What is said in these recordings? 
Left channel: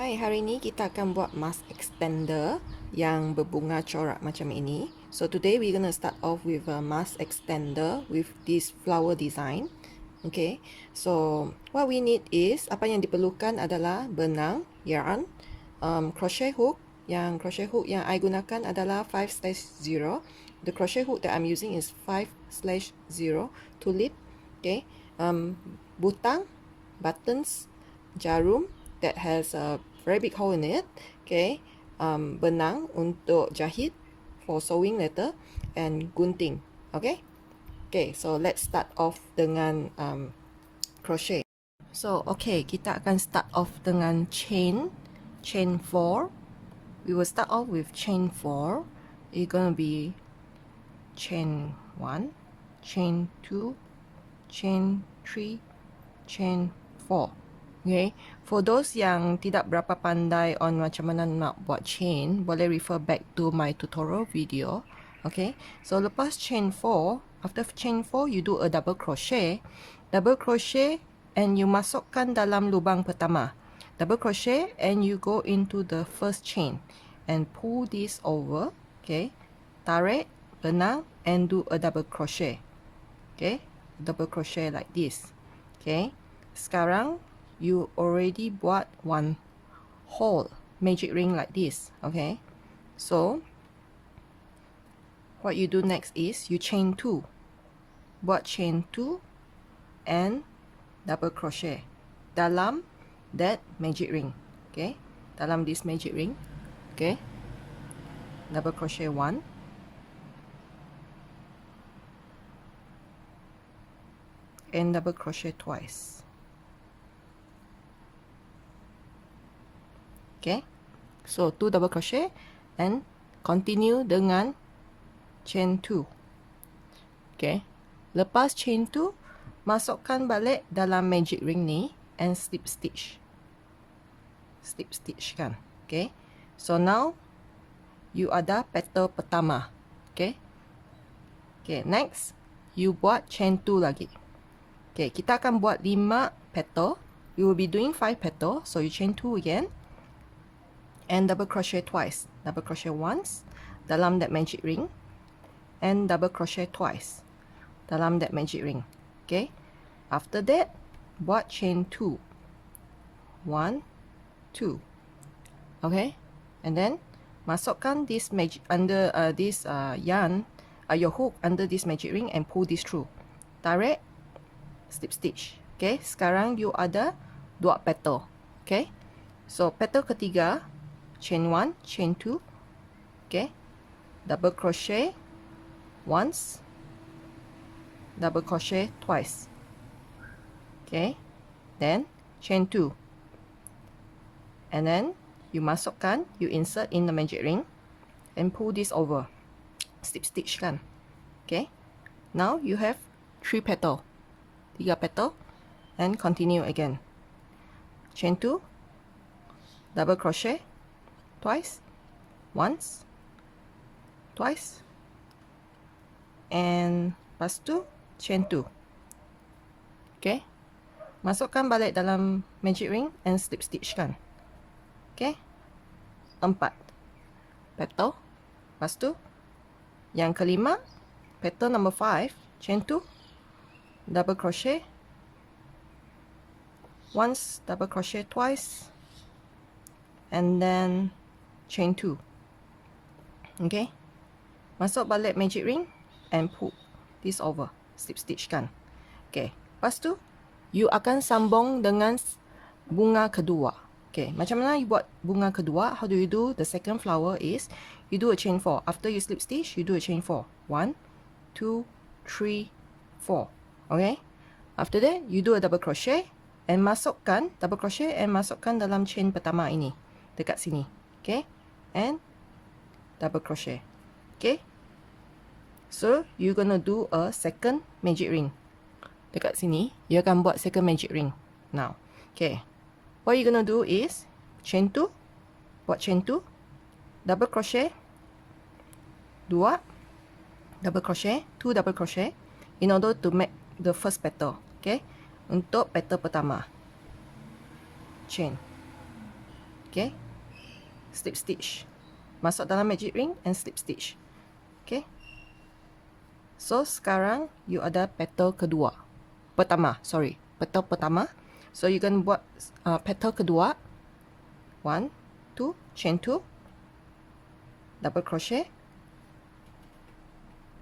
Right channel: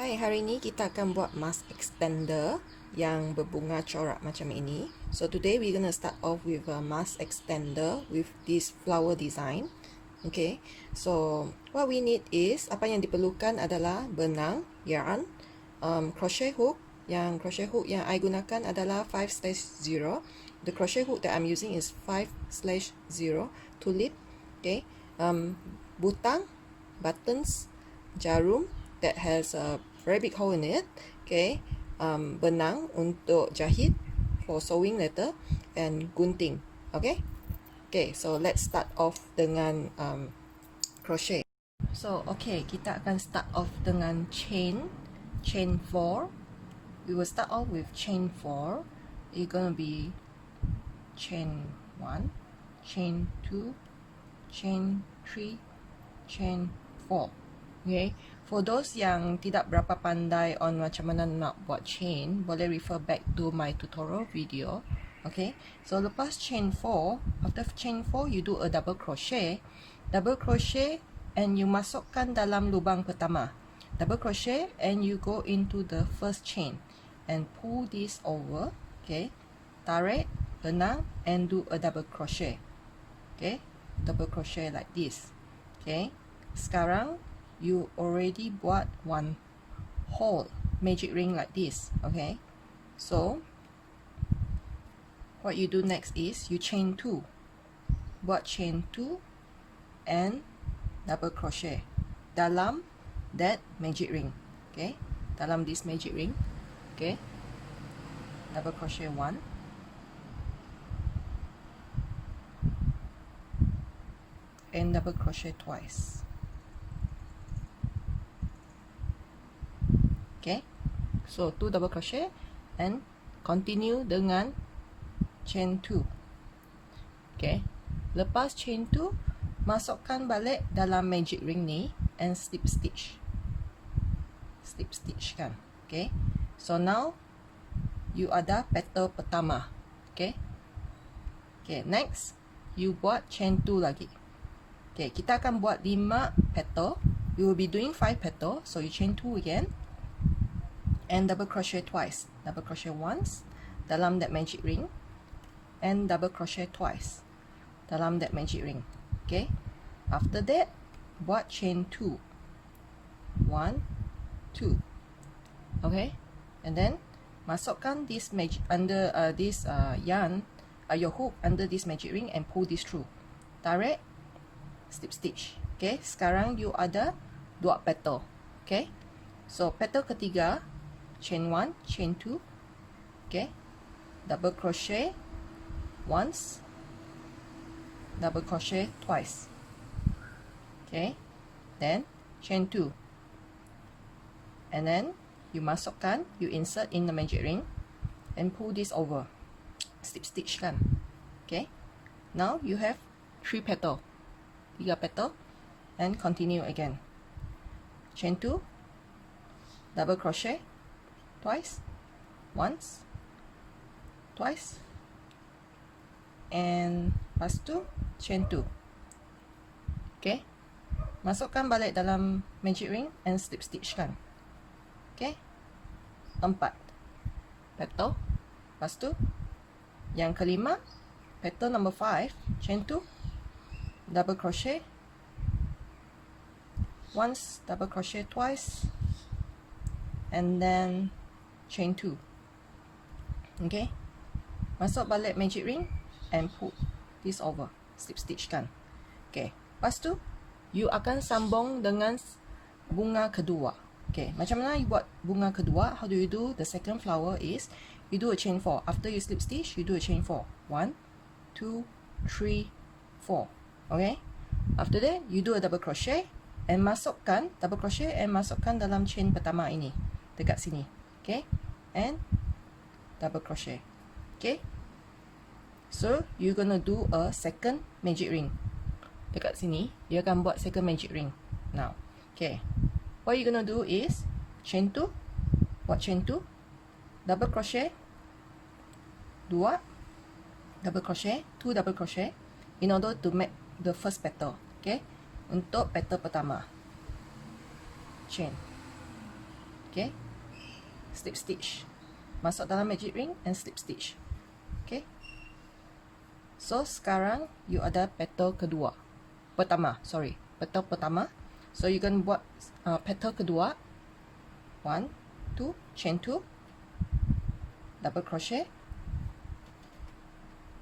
Hai, hari ini kita akan buat mask extender yang berbunga corak macam ini. So today we're gonna start off with a mask extender with this flower design. Okay, so what we need is, apa yang diperlukan adalah benang, yarn, crochet hook. Yang crochet hook yang I gunakan adalah 5/0. The crochet hook that I'm using is 5/0 Tulip. Okay, butang, buttons, jarum that has a very big hole in it. Okay, benang untuk jahit for sewing later, and gunting. Okay, so let's start off dengan crochet. So okay, kita akan start off dengan chain 4. We will start off with chain 4. It's gonna be chain 1, chain 2, chain 3, chain 4. Okay, for those yang tidak berapa pandai on macam mana nak buat chain, boleh refer back to my tutorial video. Okay, so lepas chain 4, after chain 4 you do a double crochet, and you masukkan dalam lubang pertama, double crochet, and you go into the first chain and pull this over. Okay, tarik benang and do a double crochet. Okay, double crochet like this. Okay, sekarang you already buat one hole magic ring like this. Okay, so what you do next is you chain 2, buat chain 2 and double crochet dalam that magic ring. Okay, dalam this magic ring. Okay, double crochet 1, and double crochet twice. Okay, so 2 double crochet and continue dengan chain 2. Okay, lepas chain 2, masukkan balik dalam magic ring ni and slip stitch kan. Okay, so now you ada petal pertama. Okay, next you buat chain 2 lagi. Okay, kita akan buat 5 petal. You will be doing 5 petal, so you chain 2 again and double crochet twice. Double crochet once dalam that magic ring and double crochet twice dalam that magic ring. Okay, after that buat chain 2, 1, 2. Okay, and then masukkan this magic under this yarn, your hook under this magic ring and pull this through. Tarik, slip stitch. Okay, sekarang you ada 2 petal. Okay, so petal ketiga, chain 1, chain 2. Okay, double crochet once, double crochet twice. Okay, then chain 2, and then you masukkan, you insert in the magic ring and pull this over, slip stitch kan. Okay, now you have 3 petal, 3 petal, and continue again. Chain 2, double crochet twice, once, twice, and lepas tu chain 2. Okay, masukkan balik dalam magic ring and slip stitch kan. Okay, 4 petal. Lepas tu yang kelima, petal number 5, chain 2, double crochet once, double crochet twice, and then chain 2. Okay, masuk balik magic ring and pull this over, slip stitch kan. Okay, lepas tu you akan sambung dengan bunga kedua. Okay, macam mana you buat bunga kedua? How do you do the second flower is you do a chain 4. After you slip stitch, you do a chain 4. 1, 2, 3, 4. Okay, after that you do a double crochet and masukkan double crochet and masukkan dalam chain pertama ini dekat sini. Okay, and double crochet. Okay, so you gonna do a second magic ring dekat sini. You akan buat second magic ring now. Okay, what you gonna do is chain 2, buat chain 2, double crochet 2, double crochet 2, double crochet in order to make the first petal. Okay, untuk petal pertama, chain Okay, slip stitch, masuk dalam magic ring and slip stitch. Okay, so sekarang you ada petal kedua, petal pertama. So you can buat petal kedua, 1 2 chain 2, double crochet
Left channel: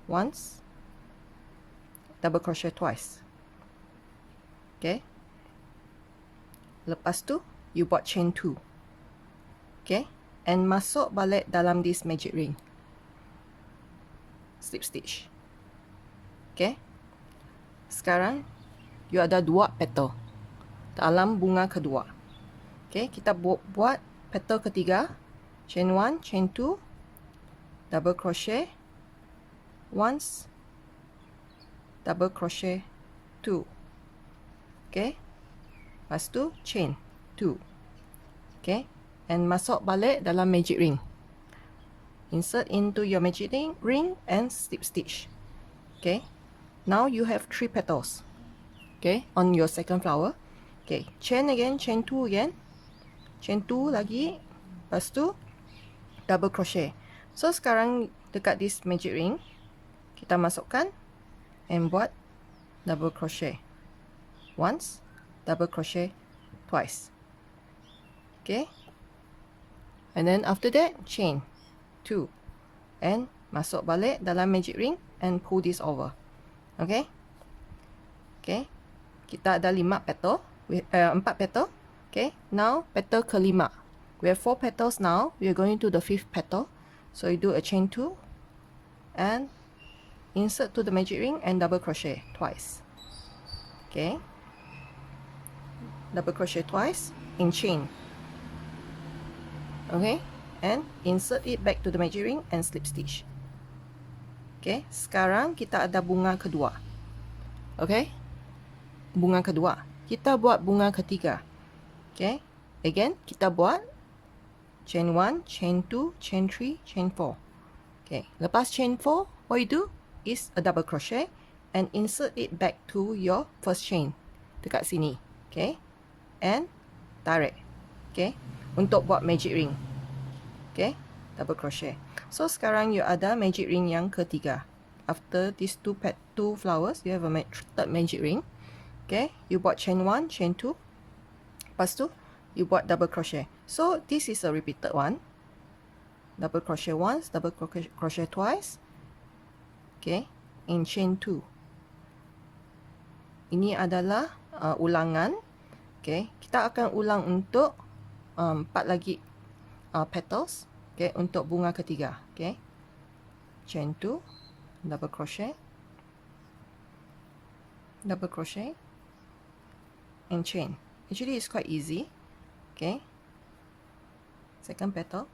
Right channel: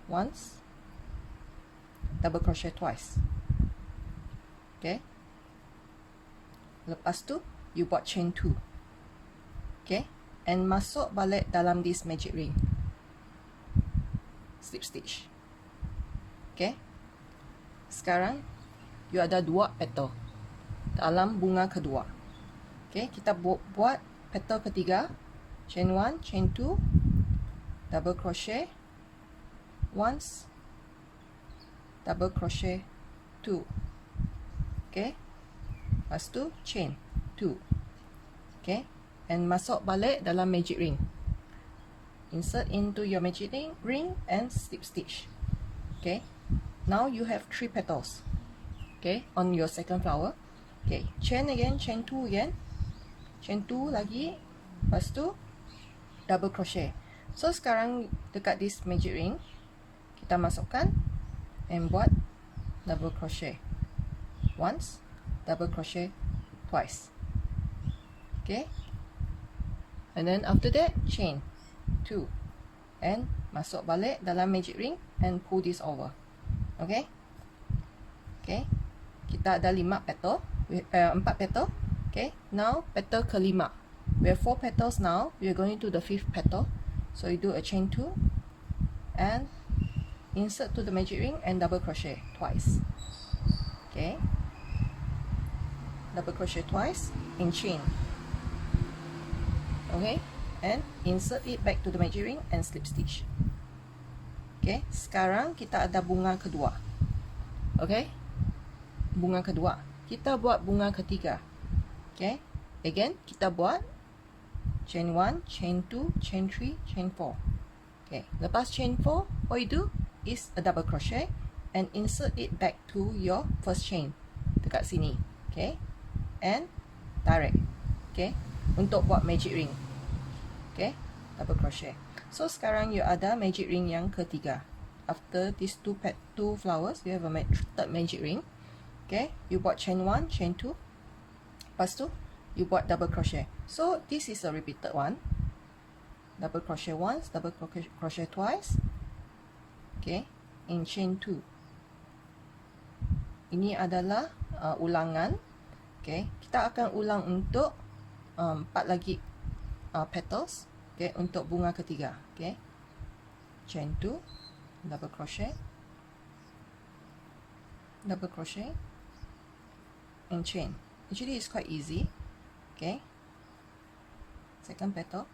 once, double crochet twice. Okay, lepas tu you buat chain 2. Okay, and masuk balik dalam this magic ring, slip stitch. Okay, sekarang you ada 2 petal dalam bunga kedua. Okay, kita buat petal ketiga, chain 1 chain 2, double crochet once, double crochet 2. Okay, lepas tu chain 2. Okay, and masuk balik dalam magic ring, insert into your magic ring and slip stitch. Okay, now you have 3 petals. Okay, on your second flower. Okay, chain again, chain 2 again, chain 2 lagi, lepas tu double crochet. So sekarang dekat this magic ring kita masukkan and buat double crochet once, double crochet twice. Okay, and then after that chain 2 and masuk balik dalam magic ring and pull this over. Okay, okay, kita ada 5 petal, 4 petal. Okay, now petal kelima, we have 4 petals now. We are going to the 5th petal, so you do a chain 2 and insert to the magic ring and double crochet twice. Okay, double crochet twice in chain. Okay, and insert it back to the magic ring and slip stitch. Okay, sekarang kita ada bunga kedua. Okay, bunga kedua, kita buat bunga ketiga. Okay, again kita buat chain 1 chain 2 chain 3 chain 4. Okay, lepas chain 4, what you do is a double crochet and insert it back to your first chain dekat sini. Okay, and tarik. Okay, untuk buat magic ring. Okay, double crochet. So sekarang you ada magic ring yang ketiga. After these two flowers, you have a third magic ring. Okay, you buat chain 1 chain 2, lepas tu you buat double crochet. So this is a repeated one. Double crochet once, double crochet twice. Okay, in chain 2. Ini adalah ulangan. Okay, kita akan ulang untuk 4 lagi petals. Okay, untuk bunga ketiga. Okay, chain 2, double crochet, double crochet and chain. Actually it's quite easy. Okay, second petal,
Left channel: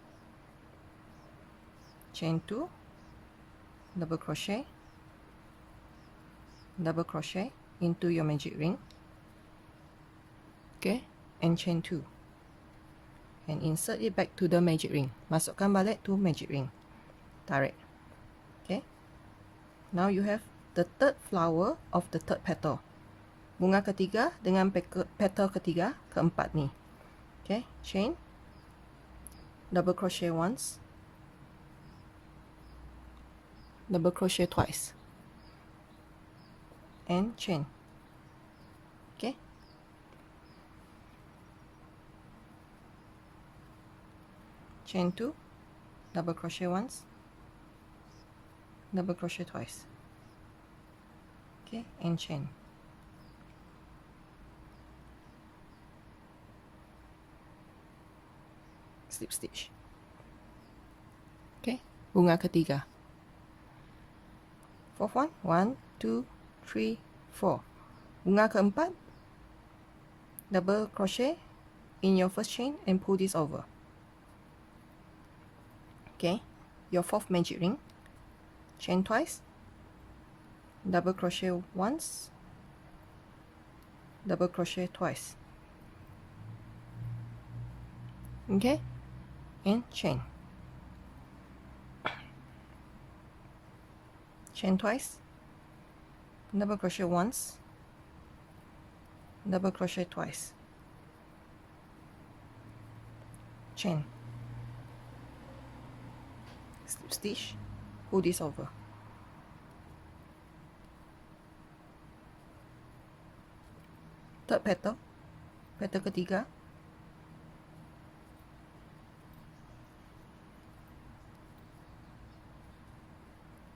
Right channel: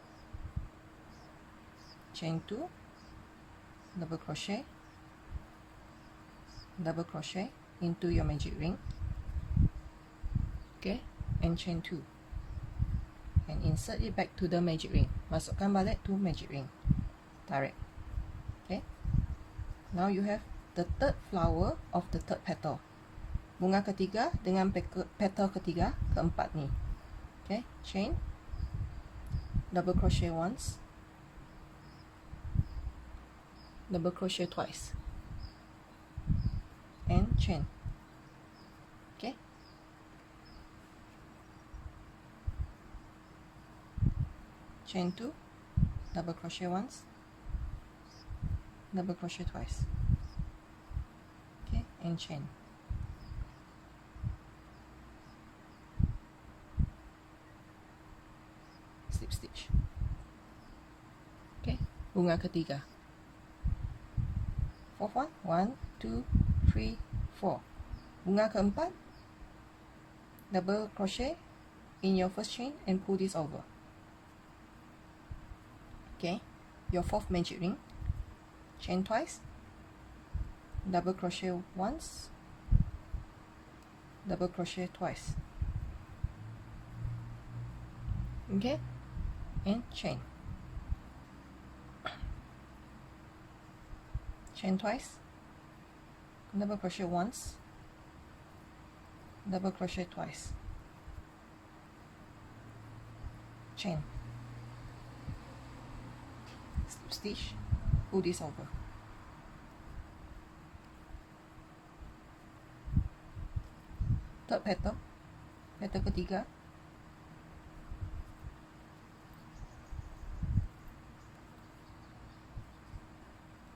chain 2, double crochet into your magic ring. Okay, and chain 2 and insert it back to the magic ring. Masukkan balik to magic ring, tarik. Okay, now you have the third flower of the third petal, bunga ketiga dengan petal ketiga keempat ni. Okay, chain, double crochet once, double crochet twice and chain. Okay, chain 2, double crochet once, double crochet twice. Okay, and chain. Slip stitch. Okay, bunga ketiga. Fourth one, 1 2 3 4. Bunga keempat, double crochet in your first chain and pull this over. Okay, your fourth magic ring, chain twice, double crochet once, double crochet twice. Okay, and chain. Chain twice, double crochet once, double crochet twice. chain, slip stitch, pull this over. Third petal, petal ketiga,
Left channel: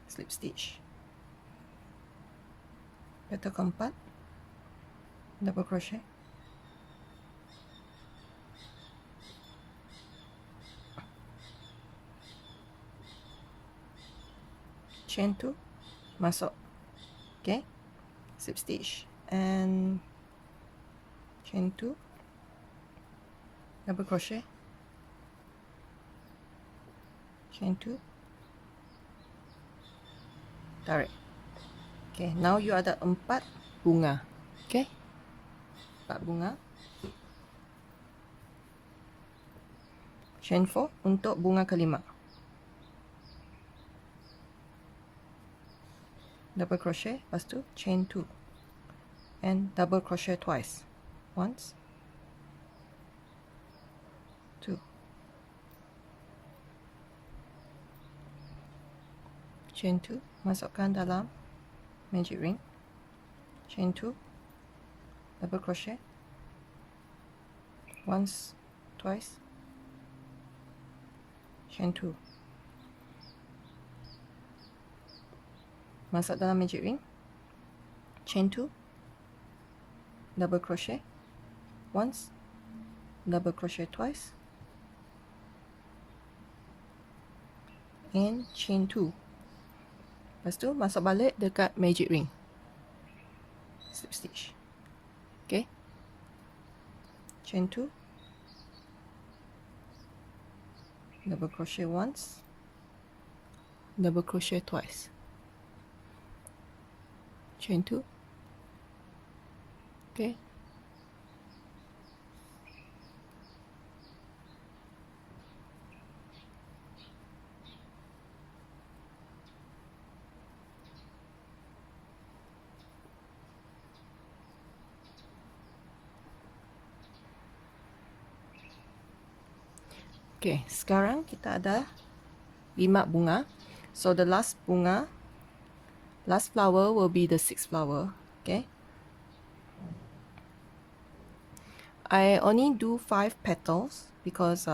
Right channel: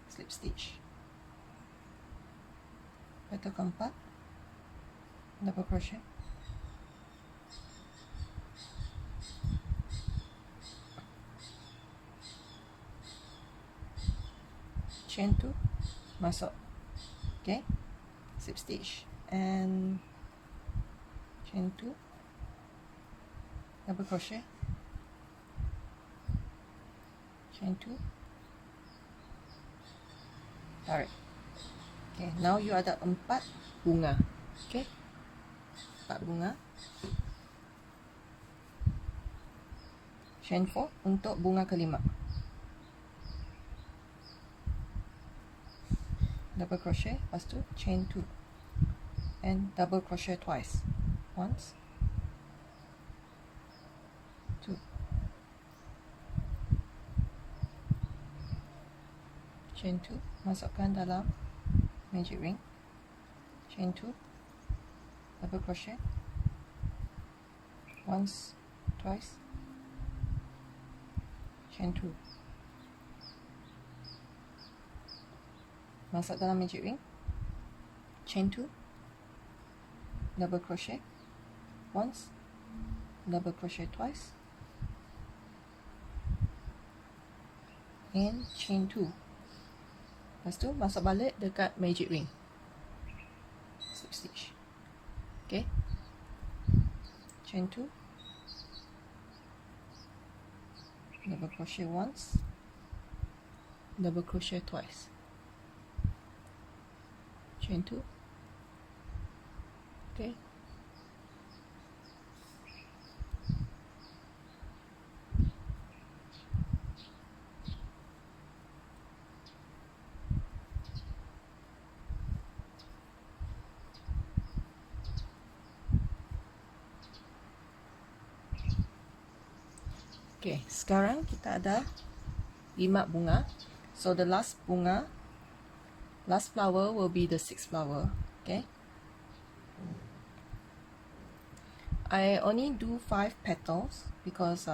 slip stitch, petal keempat, double crochet, chain 2, masuk, okay, slip stitch and chain 2, double crochet, chain 2, tarik. Okay, now you ada 4 bunga. Okay, 4 bunga. Chain 4 untuk bunga kelima. Double crochet, lepas tu chain 2 and double crochet twice. Once, 2, chain 2, masukkan dalam magic ring, chain 2, double crochet, once, twice, chain 2, masuk dalam magic ring, chain 2, double crochet, once, double crochet twice, and chain 2. Lepas tu masuk balik dekat magic ring, slip stitch. Okay, chain 2, double crochet once, double crochet twice, chain 2. Okay, okay, sekarang kita ada 5 bunga. So the last bunga, last flower will be the 6th flower. Okay, I only do 5 petals because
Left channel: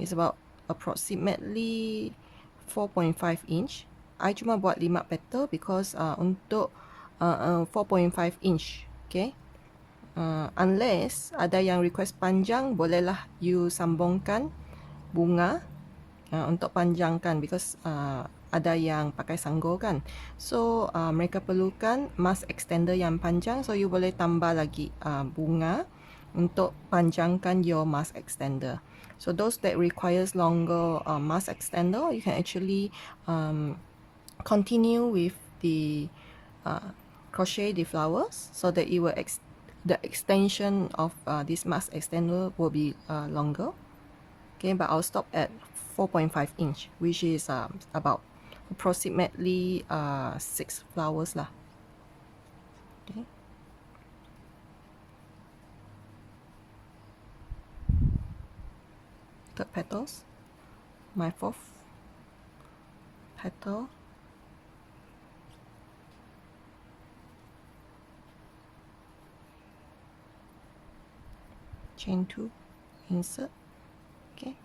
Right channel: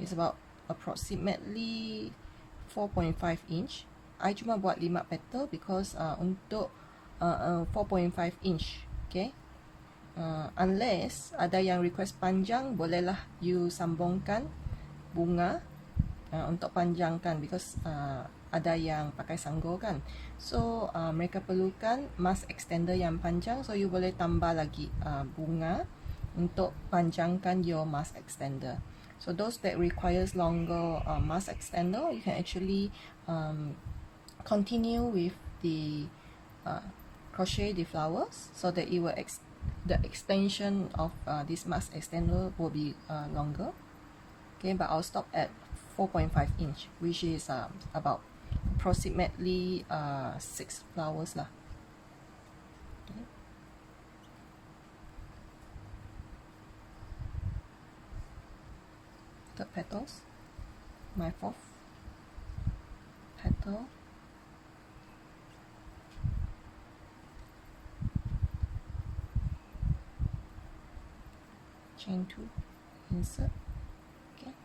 it's about approximately 4.5 inch. I cuma buat 5 petal because untuk 4.5 inch. Okay, unless ada yang request panjang, bolehlah you sambungkan bunga untuk panjangkan, because ada yang pakai sanggul kan. So mereka perlukan mask extender yang panjang, so you boleh tambah lagi bunga untuk panjangkan your mask extender. So those that requires longer mask extender, you can actually continue with the crochet the flowers, so that it will the extension of this mask extender will be longer. Okay, but I'll stop at 4.5 inch, which is about approximately 6 flowers lah. Okay. Third petals, my 4th petal, chain 2, insert. Okay,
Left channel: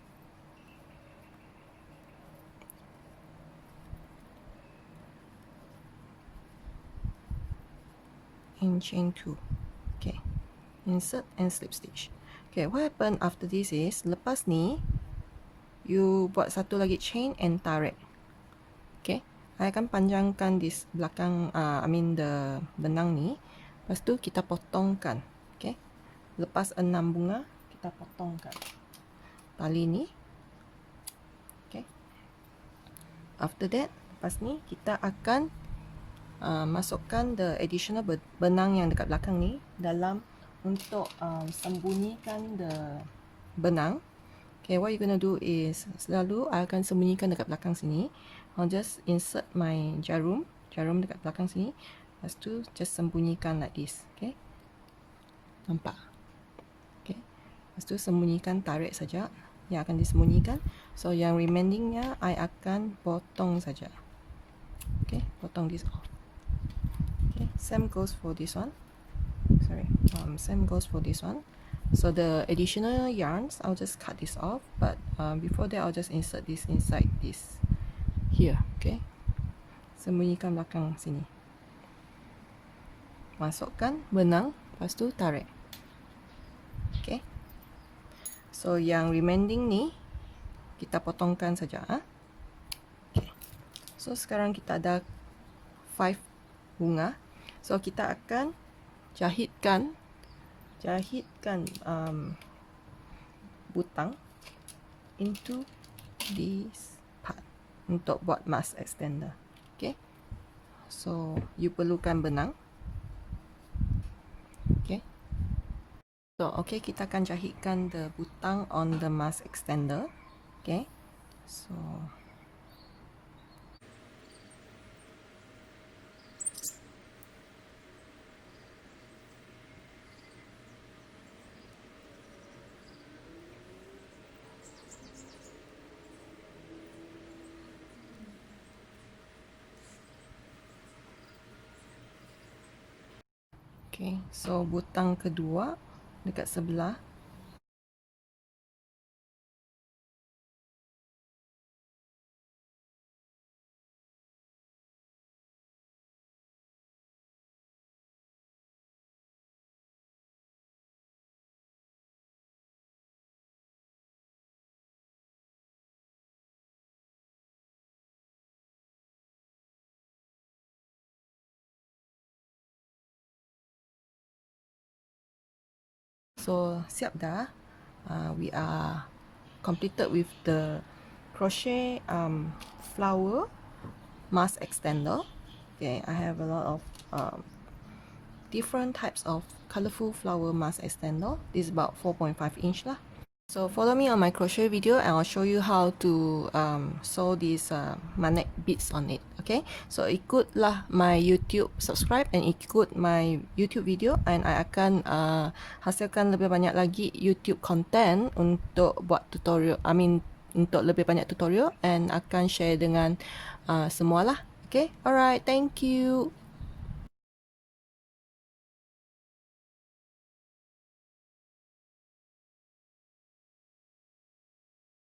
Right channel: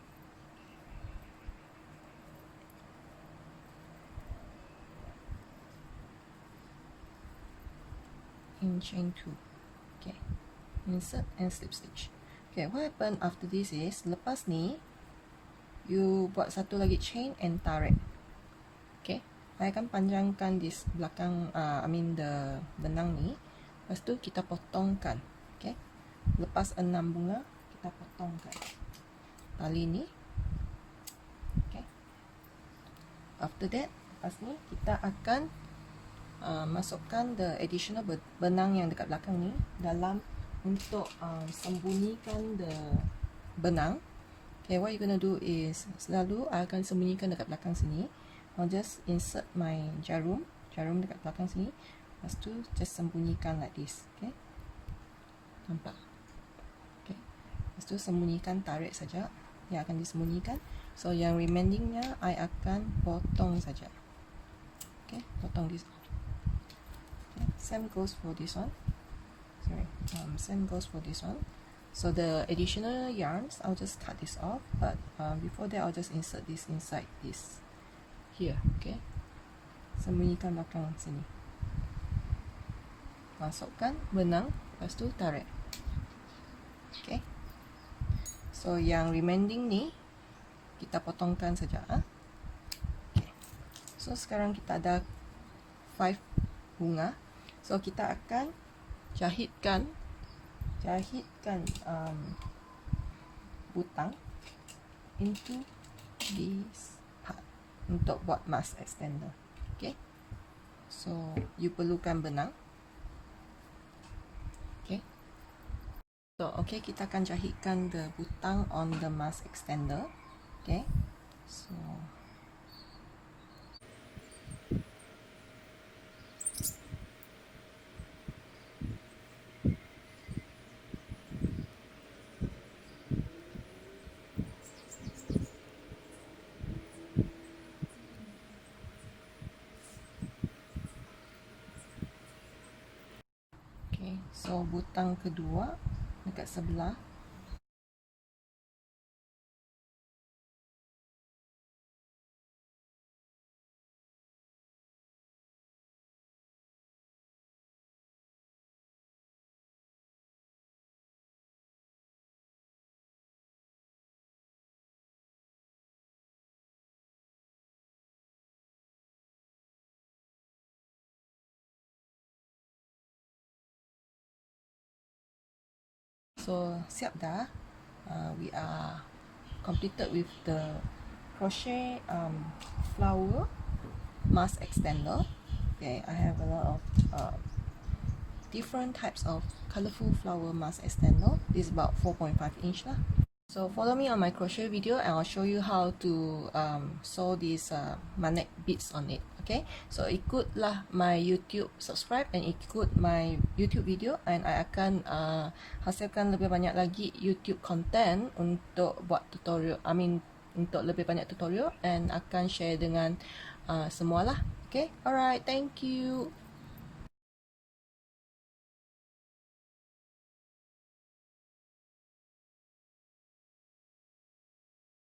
and chain 2. Okay, insert and slip stitch. Okay, what happen after this is, lepas ni you buat satu lagi chain and tarik. Okay, I akan panjangkan di belakang the benang ni. Lepas tu kita potongkan. Okay, lepas 6 bunga kita potongkan tali ni. Okay, after that, lepas ni kita akan masukkan the additional benang yang dekat belakang ni dalam untuk sembunyikan the benang. Okay, what you gonna do is, selalu I akan sembunyikan dekat belakang sini. I'll just insert my jarum dekat belakang sini. Lepas tu just sembunyikan like this. Okay, nampak? Okay, lepas tu sembunyikan, tarik saja. yang akan disembunyikan. So yang remainingnya I akan potong saja. Okay, potong this off. Okay, same goes for this one. Sorry, same goes for this one. So the additional yarns, I'll just cut this off, but before that I'll just insert this inside this here. Okay, sembunyikan belakang sini, masukkan benang, lepas tu tarik. Okay, so yang remaining ni kita potongkan saja. Okay, so sekarang kita ada 5 bunga. So kita akan jahitkan butang into this part untuk buat mask extender. Okay, so you perlukan benang. Okay, so okay, kita akan jahitkan the butang on the mask extender. Okay, so okay, so butang kedua dekat sebelah. So siap dah. We are completed with the crochet flower mask extender. Okay, I have a lot of different types of colorful flower mask extender. This is about 4.5 inch lah. So follow me on my crochet video and I'll show you how to sew these magnet beads on it. Okay, so ikutlah my YouTube, subscribe and ikut my YouTube video, and I akan hasilkan lebih banyak lagi YouTube content untuk buat tutorial, untuk lebih banyak tutorial, and akan share dengan semualah. Okay, alright, thank you.